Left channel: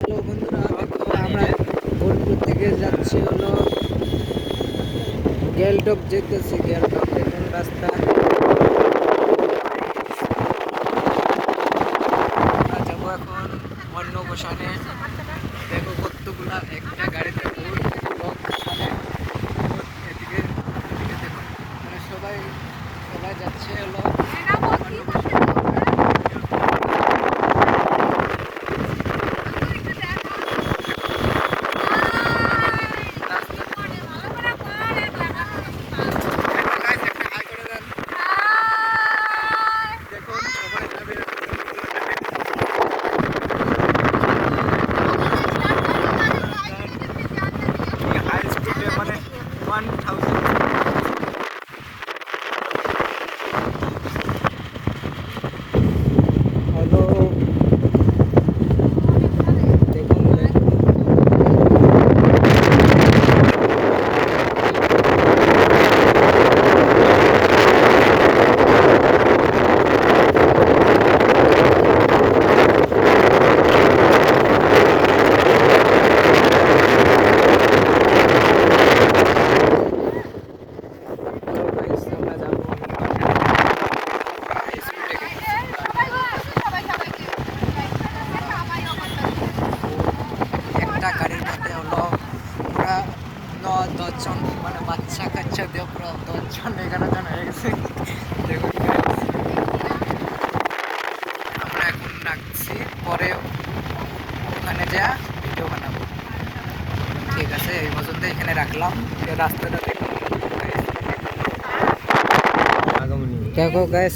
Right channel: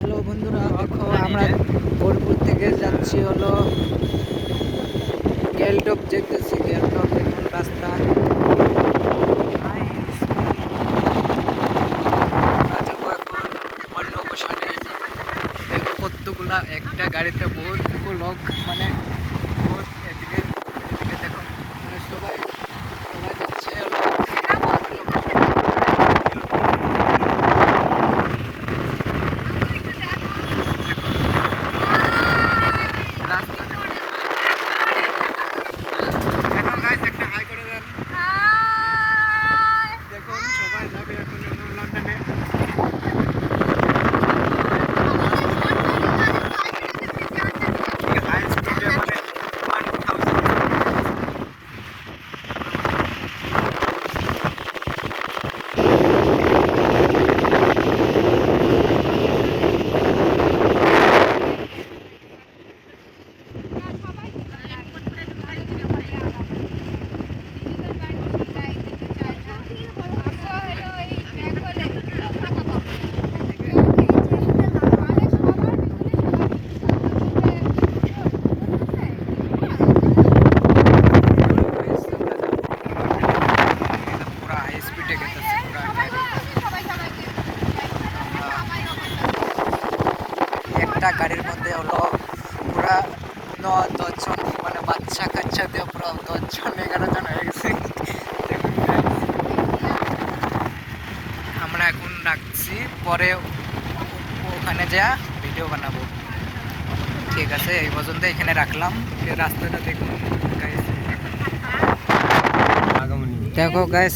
Hello বন্ধুরা, দেখো আমরা বোলপুর থেকে যাচ্ছি হলো গ্যালটপ যেতেছি। গ্যালটপ দেখুন রাস্তা। আমরা যাবো এখন অন্য বসানে। দেখো কতগুলা একটা গাড়িতে বহুত লোক, মানে এদিকে এখন সবাই সবাই যাচ্ছে হলো দেখুন সবাই যাবে লন্ডনে। হাই স্পিডে মানে 1000। একটা গাড়ির মধ্যে হলো পুরা 9-10 জন, মানে বাচ্চা কাচ্চা দিয়ে পুরো 10 জন 11 জন হয়ে গেছে। দেখুন আমরা এখন রাখছি, পরে ওখানে যা ভিডিও বানাবো। ঠিক আছে, এই পর্যন্ত এখানে রাখলাম। রাস্তাটা দেখুন guys। দেখো গাইস,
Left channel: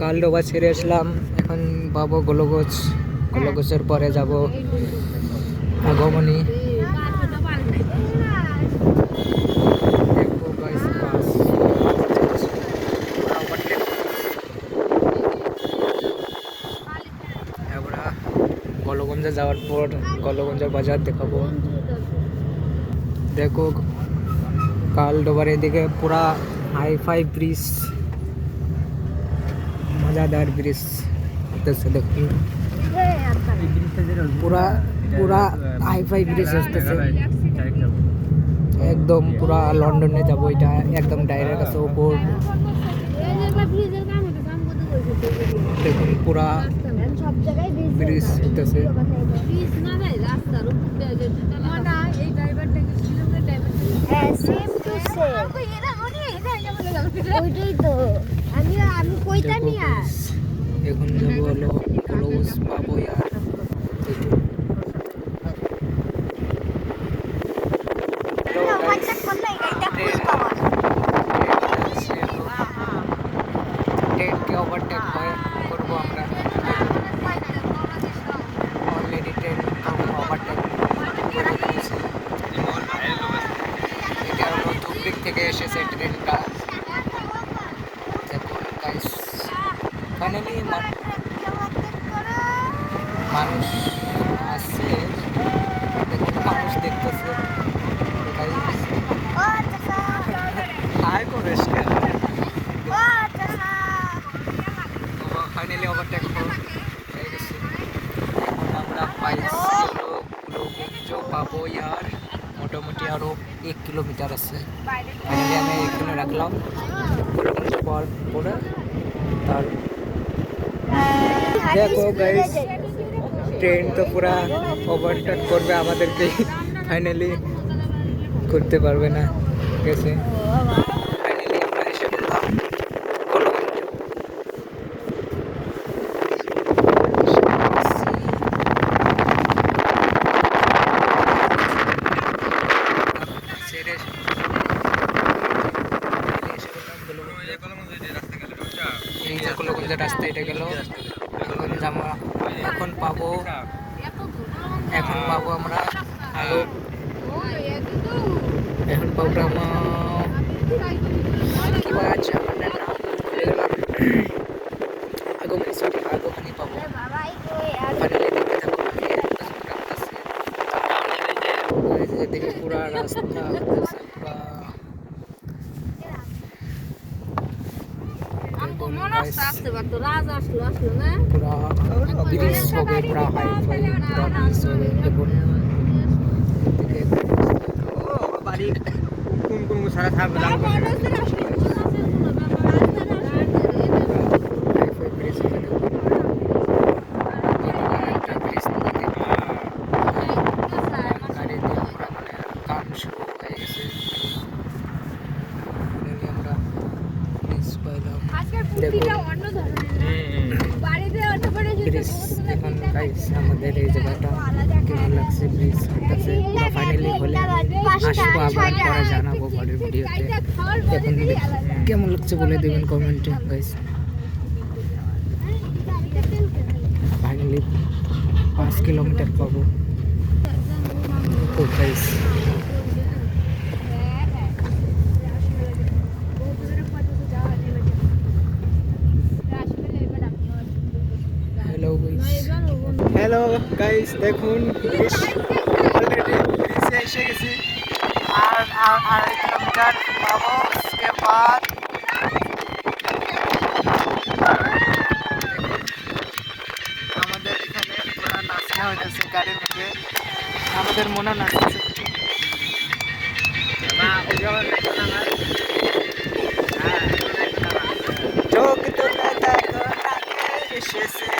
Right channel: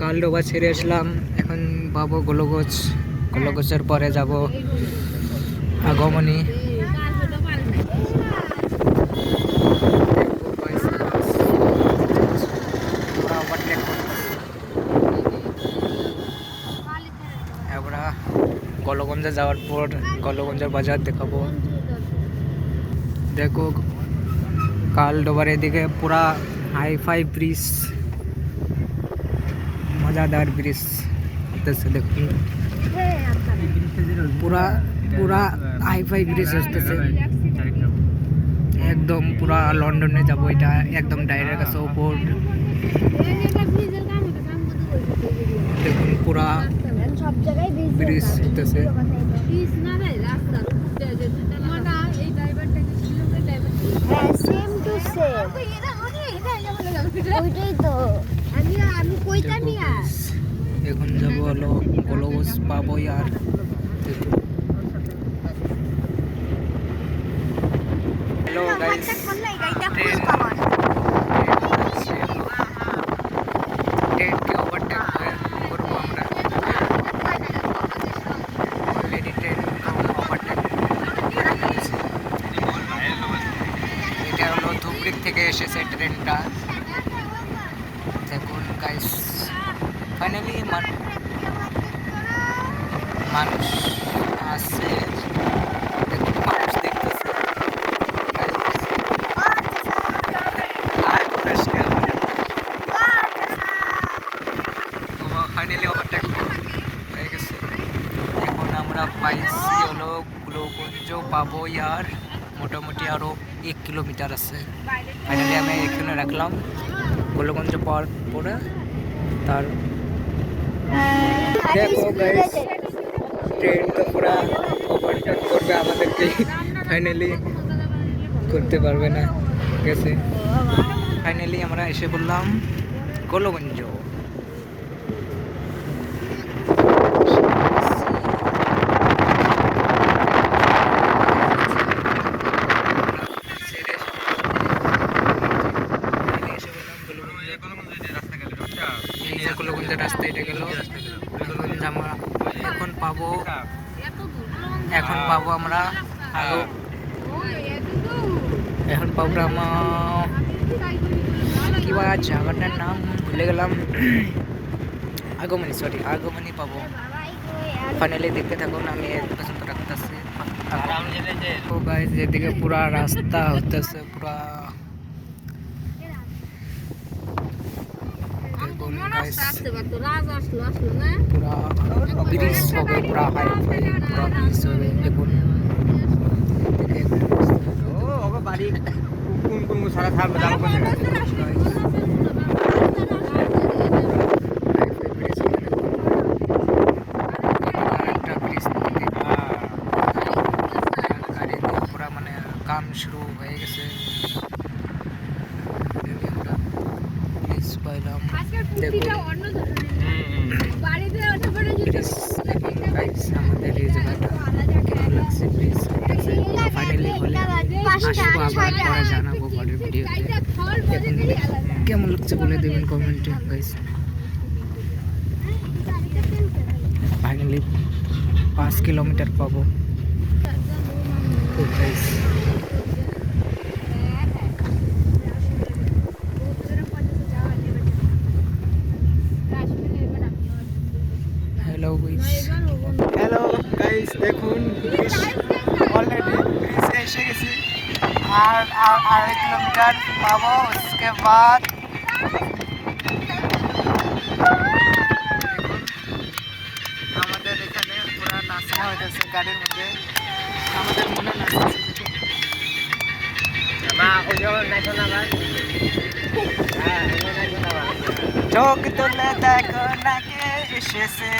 কালডোবা ছেড়ে আসলাম, এখন পাবো গোলগোছ। গোলগোছের পরে যাব আগমনী। আমরা গোলগঞ্জে যাওয়ার পর গোলগঞ্জের বাজার দেখাবো। দেখো কালডোবার এদিকে পুরা হাইফাই ব্রিজ, মজাদার ব্রিজ আসতেছে। দেখুন পুরা পুরা হাইফাই ব্রিজ আসতেছে, একদম পুরা লন্ডনে যাব। এটা একদম ডাইরেক্ট আছে উপর। দেখুন পুরা ব্রিজ হইতেছে। এখন যাবো হলো গোলগোছ পাবো আর। দেখুন হ্যালো গাইস, ট্রেনকে ওভারটেক করবো আমরা। অলরেডি ট্রেনকে ওভারটেক করে ফেলেছি। এটা হলো ধুবড়ি থেকে এসেছে ট্রেনটা। দেখুন গাইস, ফাইনালি মানুষ আসছে। দেখুন মানুষ দেখতেছে ফাইনালি ওভারটেক হয়ে গেছে। এখন আমরা পাইছি হলো গোলগঞ্জ পাবো আর মোটামুটি আরও 1 কিলোমিটার আছে। ফাইনালি আমি এখানে রাখলাম গোলগঞ্জ পাওয়ার পরে। তার দেখো গাইস, ট্রেন তো পুরা ওভারটেক করবে আমাদেরকে, ফাইনালি করতে পারবে না। ঠিক আছে, ফাইনালি আমরা এসে বললাম গোলগঞ্জ। এই যে গোলগঞ্জের রাস্তা, এটা গেল গোলগঞ্জ। আমরা এখন পাবো আমরা আরো, এখন পাবো কি বলা আছে আমার নাম ভুলে গেলাম। আগমনী, সরি আগমনী পাবো। ফাইনালি দেখতে থাকুন, আমি পছন্দ রাখতেছি। এদিকে পুরা রাস্তা হতেছে পুরা। দেখুন গাইস, পুরা ব্রিজ হবে, পুরা হাই-ফাই পুরা ব্রিজ হবে দেখুন। একটা ব্রিজ থেকে গাড়ি দিয়ে পুরা মানে কাম শুরু হয়ে গেছে। Finally আমরা ব্রিজ পাইলাম দেখুন। ব্রিজ এখন গাইস আমাদের এই জায়গাটা কেমন লাগছে, ব্রিজ কাছে পুরো ফাইনালি হলে আসবো, আবার পরে জানাবো পরের ভিডিওতে। দেখুন কেমন লাগছে বলে দেবেন কমেন্টে গাইস। ফাইনালি 5 কিলোমিটার পাবো তো গাইস। হ্যালো গাইস দেখুন ব্রিজ অলরেডি ব্রিজে এসে গেছি, আর 2.5 কিলোমিটার পাবো। उसके बाद আমাদের এখানে পুরা নাচনা হইতেছে গাড়ির মধ্যে, আমাদের মনে নাচতেছে। চোখ তুলে দেখো না কে এসেছে,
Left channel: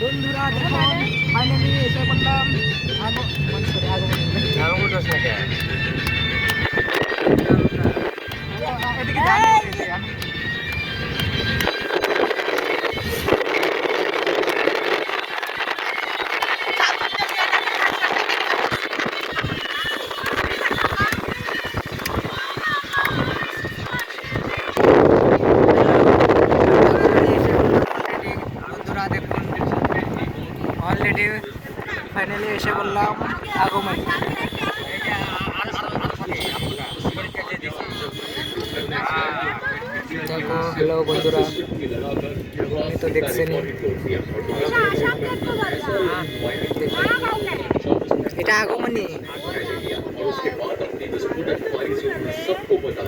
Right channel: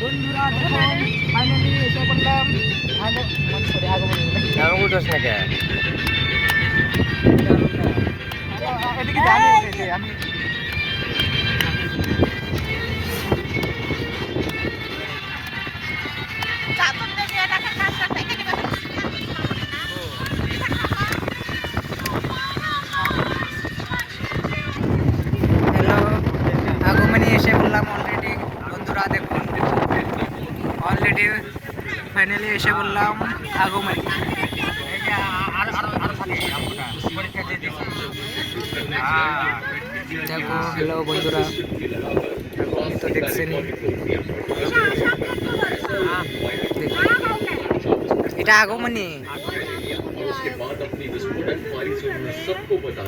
বন্ধুরা দেখুন ফাইনালি এসে বললাম অলরেডি ফাইনালি এসে বললাম আগমনী। দেখো হ্যালো বন্ধুরা, আগমনী তো দেখছেনই, এটা আগমনী।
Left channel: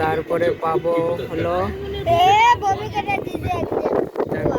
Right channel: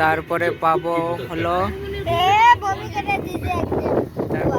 তারপরে পাবো হলো, তারপরে